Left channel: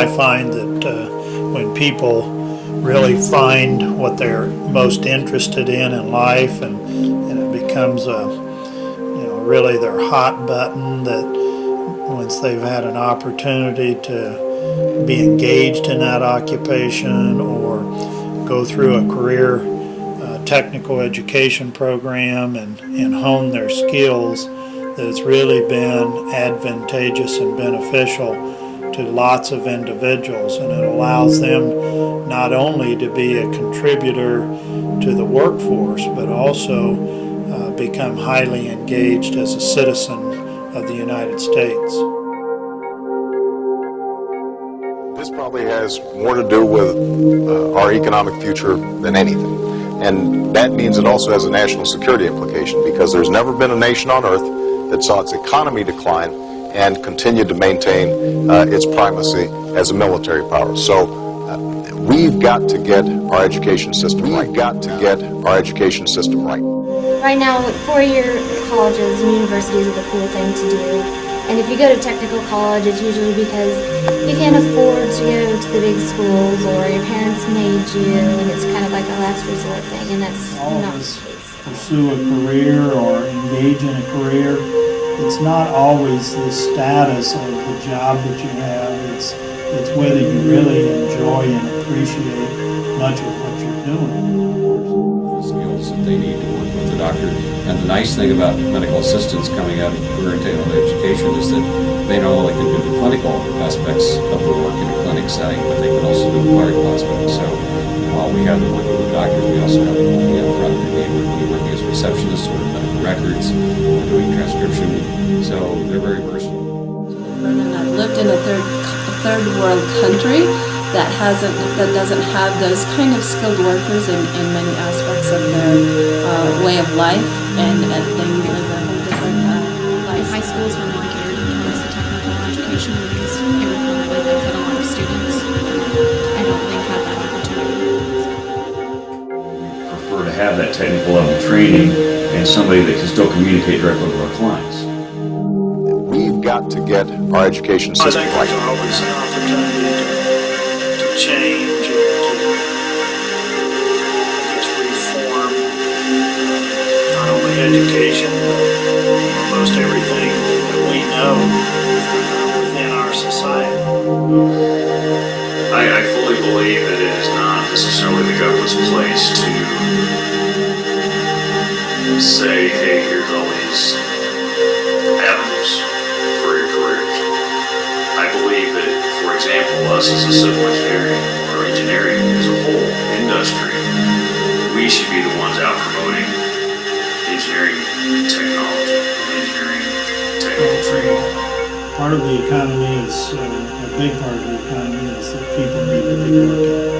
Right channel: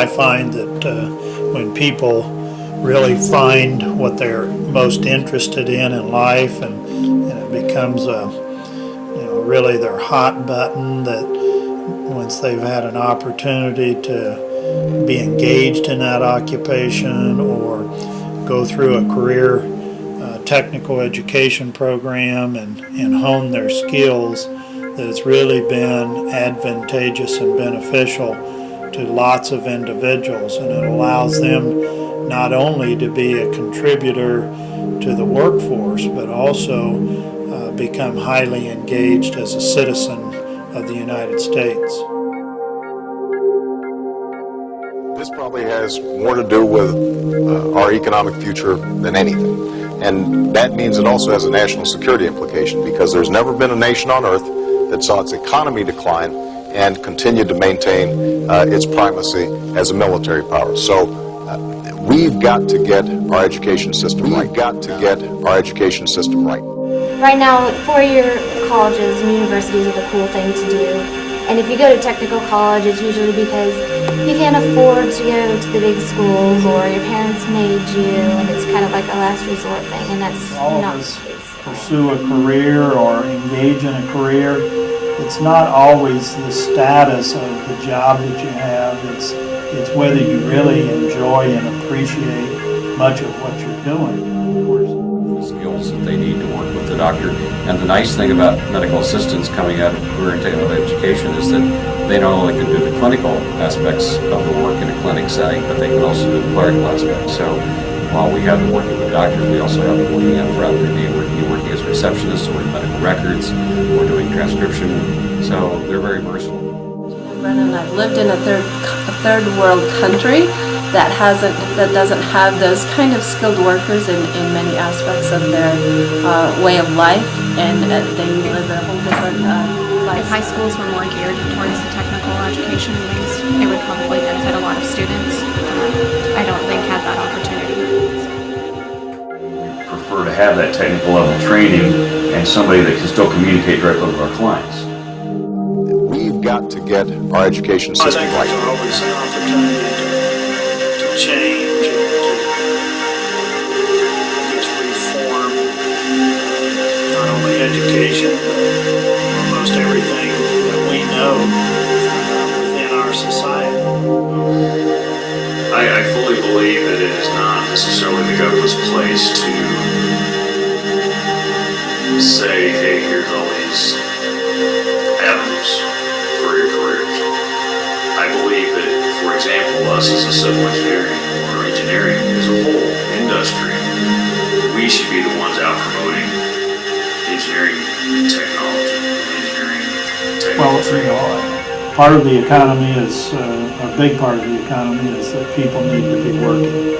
I find that when people really find what they're most interested in life, and it becomes really their hot button, that once they've had an opportunity to be engaged in that occupation or go through a career technical education program and hone their skills, that it's really been advantageous and beneficial to lots of individuals, and it allows them not only to be a contributor to the workforce, but also become highly engaged as a citizen of the United States. This probably has more to do with our economic future than anything. And that means it also has a national security implication, because there's never been a nation on earth that saw its economy decline and continued to maintain its primacy as a military power. So we've got to get our education system right. We've got to get our education system right. Right now, four-year colleges and universities are the cool thing to do. And if you go to technical college, it's usually because you can't afford to go to the big schools, or your parents made you, and it's kind of like a last resort thing, and that's not the case. Pursue a career or engage in a career. It's not always the status of the job that you have. It's whether you really enjoy and appreciate much of what you're doing. Of course, the skills that they need to work with the doctor. And the nice thing about medical assistants coming out of career and technical education is that they not only can do the clinical aspects of the work in a clinic setting, but they can also do the clerical aspects. So while we have them working with doctors, we also have them working up front. They may be working as receptionists or in medical records or doing transcription. So they're very versatile. Brennan, I've lived in a third world country that doesn't have those kind of skilled workers in many aspects of their way of life, and they live a whole different life. If high schools were more geared towards the technical education meetings, it would probably benefit a lot of students. I don't think had that opportunity. We prefer to have that technical level training and somebody that can still communicate directly with our clients. We've got to get our education system right. I think there's always an opportunity to change and to, I guess, reform not only education, but almost everything that we know within our society. I fully believe that it is not necessarily the government's place to say, hey, here's all these avenues for your careers. I believe that, for example, us as a civil engineering or engineering as a whole industry, we should be the ones out promoting engineering technology, engineering technology. Part of the economy is, a big part of the economy is that people need to be working,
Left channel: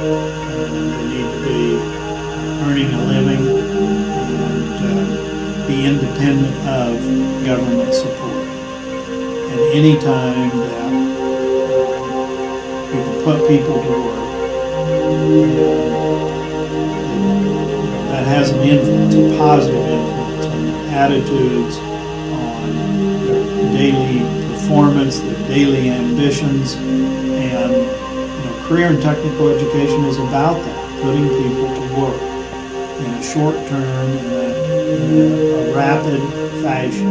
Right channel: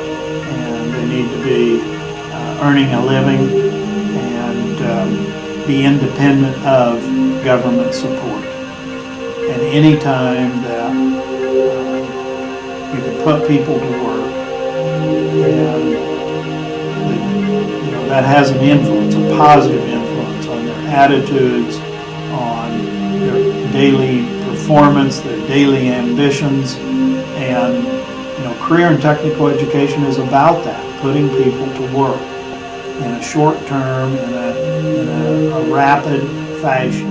and they need to be earning a living and be independent of government support. And any time that you can put people to work, and that has an influence, a positive influence on their attitudes, on their daily performance, their daily ambitions, and career and technical education is about that, putting people to work in a short term, in a rapid fashion.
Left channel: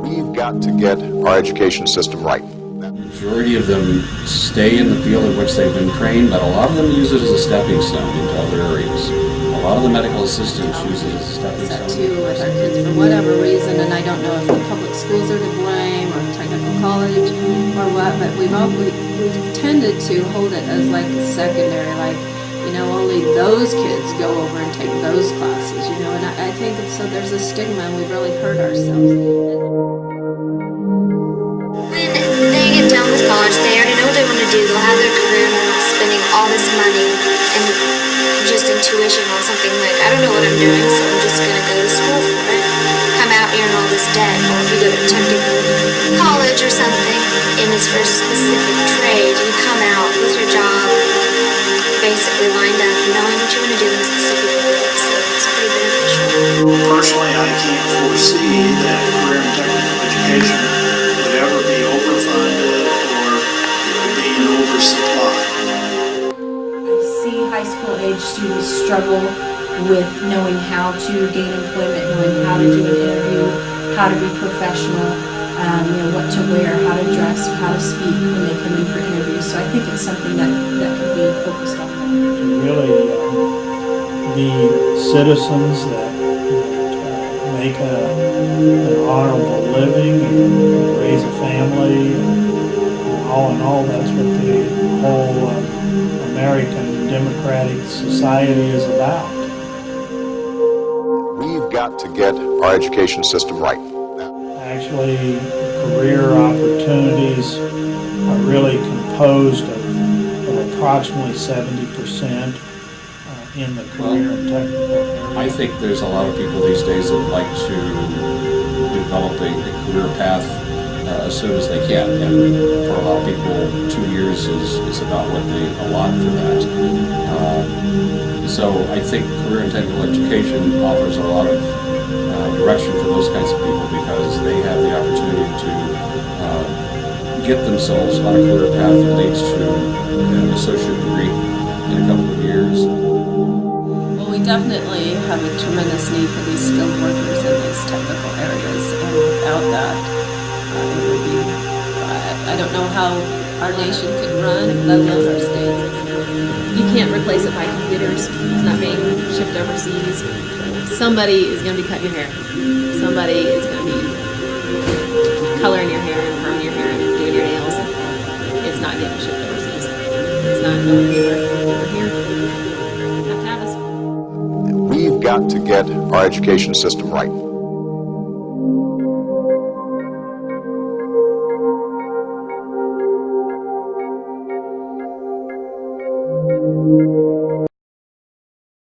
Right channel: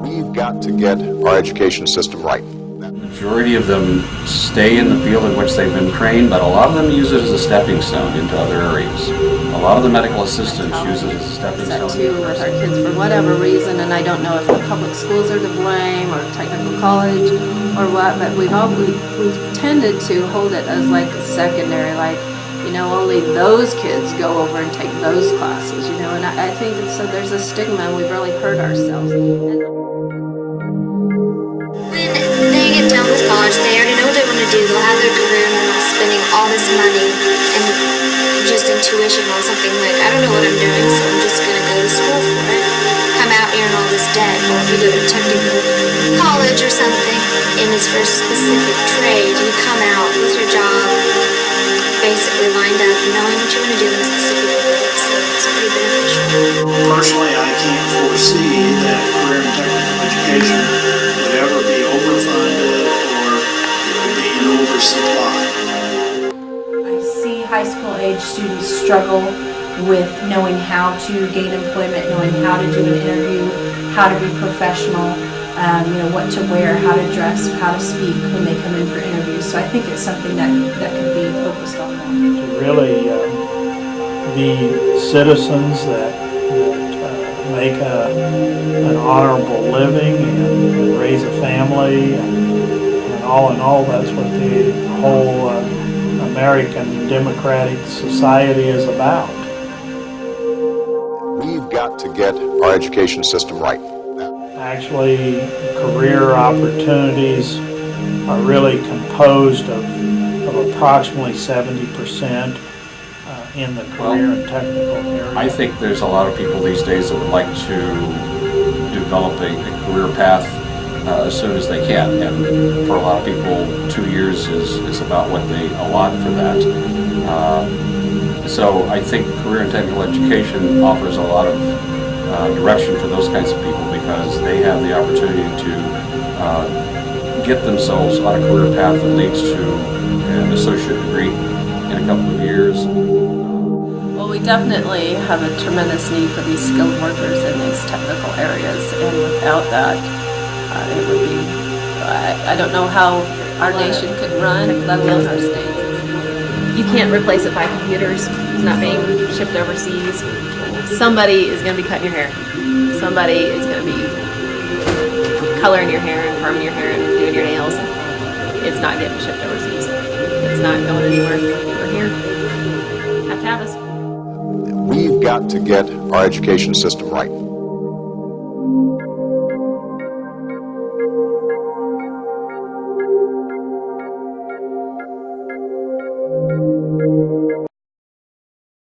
We've got to get our education system right. The majority of them stay in the field in which they've been trained, but a lot of them use it as a stepping stone into other areas. A lot of the medical assistants use it as a stepping stone. Too with our kids for whatever reason, and I don't know if the public schools are to blame or technical college or what, but we've tended to hold it as like a secondary, like only those kids go over and take those classes, and I think so there's a stigma, and we've really hurt ourselves. When they get done with college, they already know what they want to do. They'll have their career, and they're not spending all this money and just in tuition on something like, I don't know what I'm doing, so I'm just going to go to school for it. Come out here in all this debt. Or if you go to technical college or something, and it's for a specific trade, you come out with your job basically lined up, knowing what you want to do in a specific field, so it's pretty beneficial. Personally, I can't foresee that career and technical education would ever be overfunded or it would be an students struggle with knowing how to gain employment, knowing how to do an interview, how to be professional, what to wear, how to dress, how to speak when they come in for interviews. So I think it's something that could be focused on more. To really be citizens that make an honorable living and raise a family, and all in all, that's what the whole American democratic society is about. We've got to get our education system right. Actually, career opportunities are really composed of approximately 70% in the career and technical area. I think there's a lot of people these days that would like to develop a career path as soon as they can, and for a lot of people 2 years is about what they allot for that. So I think career and technical education offers a lot of direction for those kinds of people, because they have the opportunity to get themselves on a career path that leads to an associate degree in a couple of years. Well, we definitely have a tremendous need for these skilled workers in these technical areas, and without that, it would be, I don't know how our nation could run, let alone our state. You can't replace it by computers. It's not being shipped overseas. Somebody is going to be cutting your hair. Somebody is going to be coloring your hair and perming your hair and doing your nails. It's not getting shipped overseas. It's not going anywhere. We're here. Have to have us. We've got to get our education system right. Thank you.